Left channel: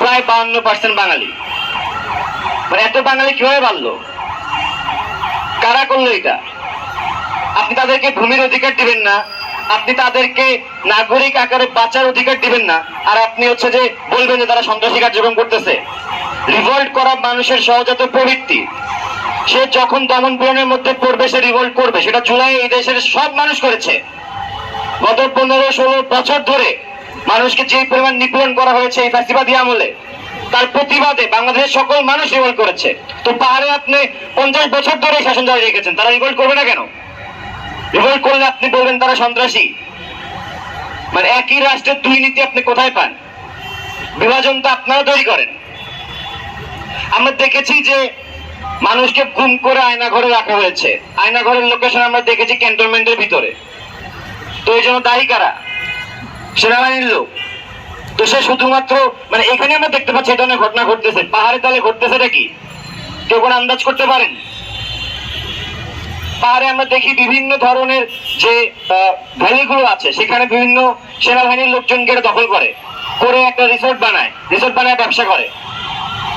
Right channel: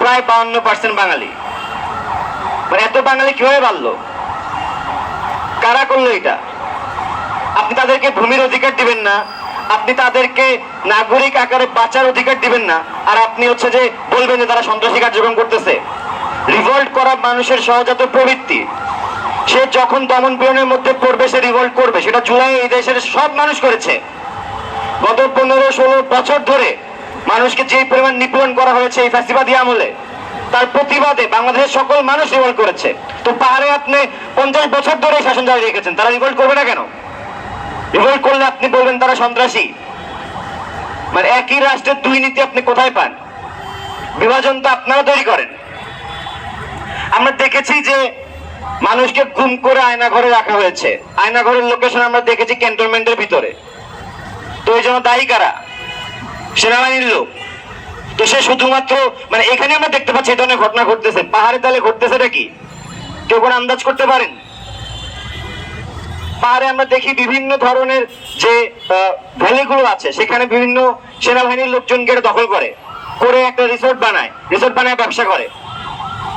প্রায় বাউন্ন পার্সেন্ট বাঙালি। এত বাঙালি কীভাবে বাড়লো? কারা করল এটা? আপনি তাদেরকে ভূমির অধিকার দিবেন না। আপনি তাদেরকে নাগরিক আকারে বাঁচার অধিকার দিবেন না। আর আপনি হচ্ছে যে বলবেন যে তারা সন্ত্রাসী কার্যক্রম করতেছে। রিভল্ট করা মানুষের সহজাত প্রবৃত্তি। সে যখন দমন পীড়নের মধ্যে পড়বে, সে রিভল্ট করবে। সেটা জুলাই এই দেশের সব মানুষ করেছে। গত পনেরো, ষোলো বছর ধরে মানুষকে যে পরিমাণ নিপীড়ন করা হয়েছে এই ফ্যাসিবাদী আমলে, তার প্রতিবাদে বাংলাদেশের সকল মানুষ রিভল্ট করেছে। তো পাহাড়ে আপনি পঞ্চাশ বছর ধরে শাসন জারি রেখেছেন, তারা রিভল্ট করবে না কেন? রিভল্ট করলে আপনি বলবেন তারা সন্ত্রাসী। মানে একই রাষ্ট্রের দুই নীতি আপনি কোথায় পান? বিভাজন তো আপনারা তৈরি করেন। আমরা দেখেছি যে মানুষকে গুম করে আয়না ঘরে রাখা হয়েছে। আয়না ঘরের লোকেশন আমরা দেখেছি ক্যান্টনমেন্টের ভিতরে। তো এই জন্য দায়ী কারা? সেনাবাহিনীর লোক। তো সে শুধুমাত্র মানে এখানে আমরা দেখতে পাচ্ছি এটা ধরনের ঘটনা ঘটতেছে। পাহাড়ে তালে ঘটতেছেটা কি? কেউ কোনো আন্দাজ করতে পারেন? পাহাড়ে আমরা দেখি বিভিন্ন ধরনের যে ভ্যালিগুলো আছে, সেখানে বিভিন্ন সেনাবাহিনীর লোকজন গেড়ে দখল করে। করে একটা রিসোর্ট বানায় রিসোর্ট বানায় ব্যবসা করে।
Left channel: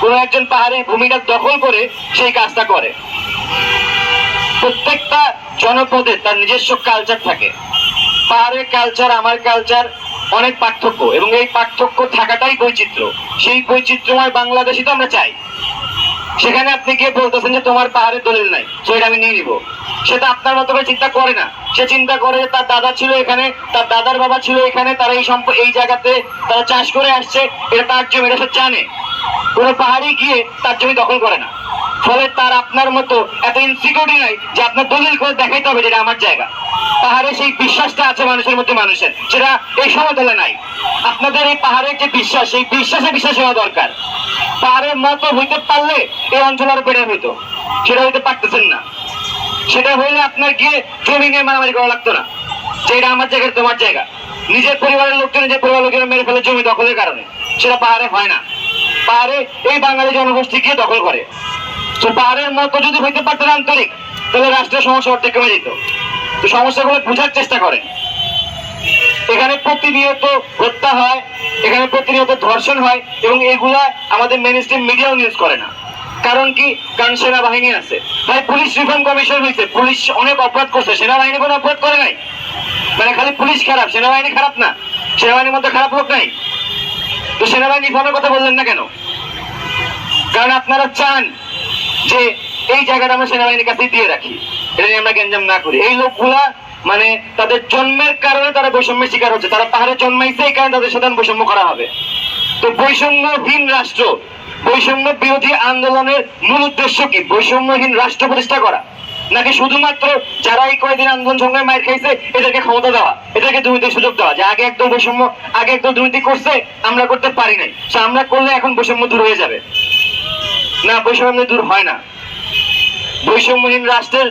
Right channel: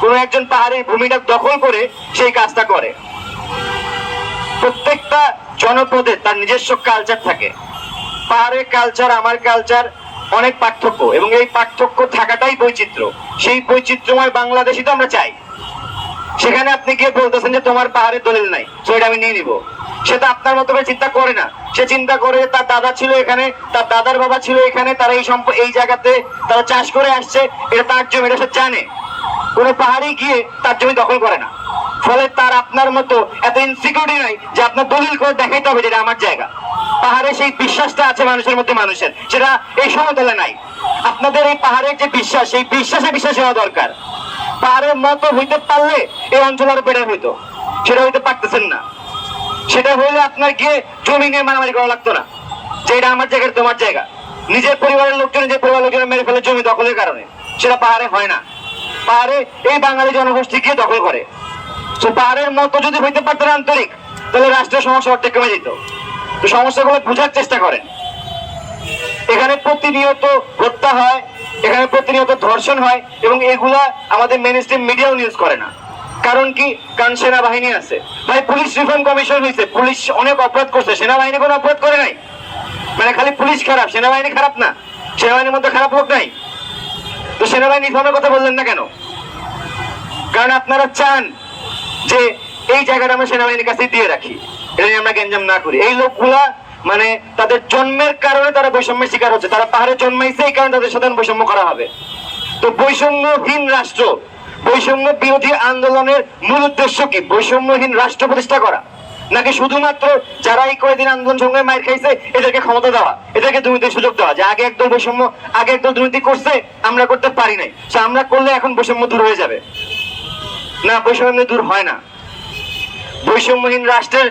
কোনো একজন পাহাড়ে ভূমিটা দখল করে সেই কাজটা করে। প্রত্যেকটা জনপদে তার নিজস্ব কালচার থাকে। পাহাড়ের কালচার আমার কালচার অনেক পার্থক্য এবং এই পার্থক্য থাকাটাই বৈচিত্র্য। সেই বৈচিত্র্যময় বাংলাদেশই তো আমরা চাই। সেখানে আপনি গিয়ে বলতেছেন যে তোমার পাহাড়ের দলিল নাই, সেটা আমি নিয়ে নিব। সেটা আপনার মতো করে চিন্তা করে না। সে চিন্তা করে যে তার দাদা ছিল এখানে, তার দাদার বাবা ছিল এখানে, তারা এই সম্প এই জায়গাতে তারা চাষ করে আসছে, এটা তার জমি, এটা সে জানে। কোনো পাহাড়ে গিয়ে তার জমি দখল করে না। ফলে তার আপনার মতো এত ইনসিকিউরিটি নাই যে আপনার দলিল করে দেখাইতে হবে যেটা আমার জায়গা। পাহাড়ে সেই বিশ্বাসটা আছে মানুষের মধ্যে মানুষের সেটা এই সমতলে নাই। আপনাদের এই পাহাড়ের যে বিশ্বাস, সেই বিশ্বাসে বিশ্বাস হওয়া দরকার। পাহাড়ের মতো হইতে পারলে এই অঞ্চল আরও বেড়ে হইতো। সেটা হইতে পারতেছেন না। সেটা হইলে আপনার গিয়ে জমি নিয়ে মারামারি করা লাগতো না। যে এটা আমার জায়গা তোমার জায়গা। নিজের পরিবারের লোকজন নিজের পরিবারের লোকজন মেরে ফেলে জমি দখলের কারণে, সেটা পাহাড়ে হয় না। পাহাড়ে এই বাঙালি জনগোষ্ঠী গিয়ে দখল করে। তো পাহাড়ের মতো যদি হইতে পারতেন আন্তরিক, তাহলে রাষ্ট্রের সমস্যা অর্ধেক কমে যেত। তো সমস্যাগুলো বোঝার চেষ্টা করেন এখানে প্রতিনিয়ত হত্যা হয়, এখানে প্রতিনিয়ত ধর্ষণ হয় এবং এগুলা আমাদের মেন স্ট্রিম মিডিয়াও নিউজ করে না। কারণ কি? কারণ সেনাবাহিনী আছে। ভাই, পুলিশ রিফর্ম কমিশন হয়েছে পুলিশ অনেক অপরাধ করছে। সেনাবাহিনী কোনো অপরাধ করে নাই। মানে খালি পুলিশ খারাপ, সেনাবাহিনী খারাপ না। সেনাবাহিনীর মধ্যে খারাপ লোক নাই। তো সেনাবাহিনী রিফর্মের কথা বললেন না কেন? কারণ আপনারা চান যে এই জায়গাটা আমরা সেনাবাহিনীর কাছে দিয়ে রাখি। এটা আমরা গ্যাঞ্জাম না করি। এই লোকগুলা মানে তাদের জন্মের কারণে তারা বৈষম্যের শিকার হচ্ছে। তারা পাহাড়ে জন্মাইছে, এই কারণে তাদের সাথে বৈষম্য করা হবে। তো বৈষম্যহীন রাষ্ট্র, বৈষম্য বিরোধী আন্দোলনের মূল উদ্দেশ্য কি? বৈষম্যহীন রাষ্ট্র প্রতিষ্ঠা করা। নাকি শুধুমাত্র যারা এই কয়েকদিন আন্দোলন সংগ্রামে মার খাইছে, এদেরকে ক্ষমতা দেওয়া, এদেরকে দুর্নীতির সুযোগ দেওয়া, যে আগে একদম বৈষম্য, আগে একদম দুর্নীতি করছে, আমরা করতে পারি নাই। সে আমরা করলে এখন বৈষম্য দূর হয়ে যাবে। না, বৈষম্য দূর হয় না। বৈষম্যহীন রাষ্ট্রের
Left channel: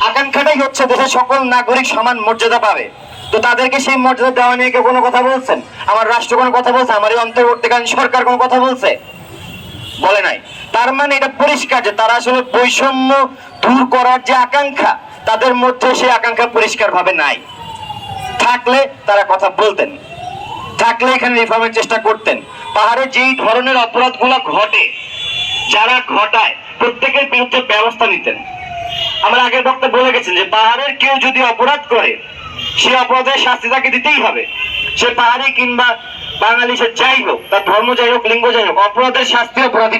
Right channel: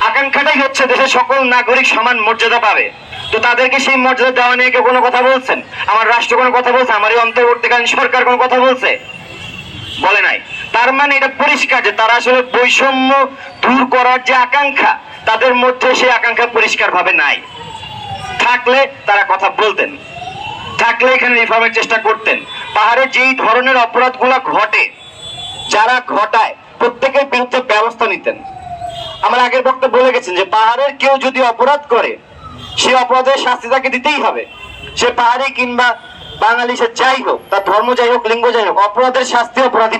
আকাঙ্ক্ষাটাই হচ্ছে দেশের সকল নাগরিক সমান মর্যাদা পাবে। তো তাদেরকে সেই মর্যাদা দেওয়া নিয়ে কেউ কোনো কথা বলছেন? আমার রাষ্ট্র কোনো কথা বলছে? আমার এই অন্তর্বর্তীকালীন সরকার কোনো কথা বলছে? বলে নাই। তার মানে এটা পরিষ্কার যে তারা আসলে বৈষম্য দূর করার যে আকাঙ্ক্ষা, তাদের মধ্যে সেই আকাঙ্ক্ষা পরিষ্কার ভাবে নাই। থাকলে তারা কথা বলতেন। থাকলে এখানে রিফর্মের চেষ্টা করতেন। পাহাড়ে যেই ধরনের অপরাধগুলো ঘটে, যারা ঘটায়, প্রত্যেকের বিরুদ্ধে ব্যবস্থা নিতেন। আমরা আগের বক্তা বলে গেছেন যে পাহাড়ের কেউ যদি অপরাধ করে, সে অপরাধের শাস্তি তাকে দিতেই হবে। সে পাহাড়ি কিংবা বাঙালি সে যাই হোক, তার ধর্ম যাই হোক, লিঙ্গ যাই হোক, অপরাধের শাস্তি অপরাধী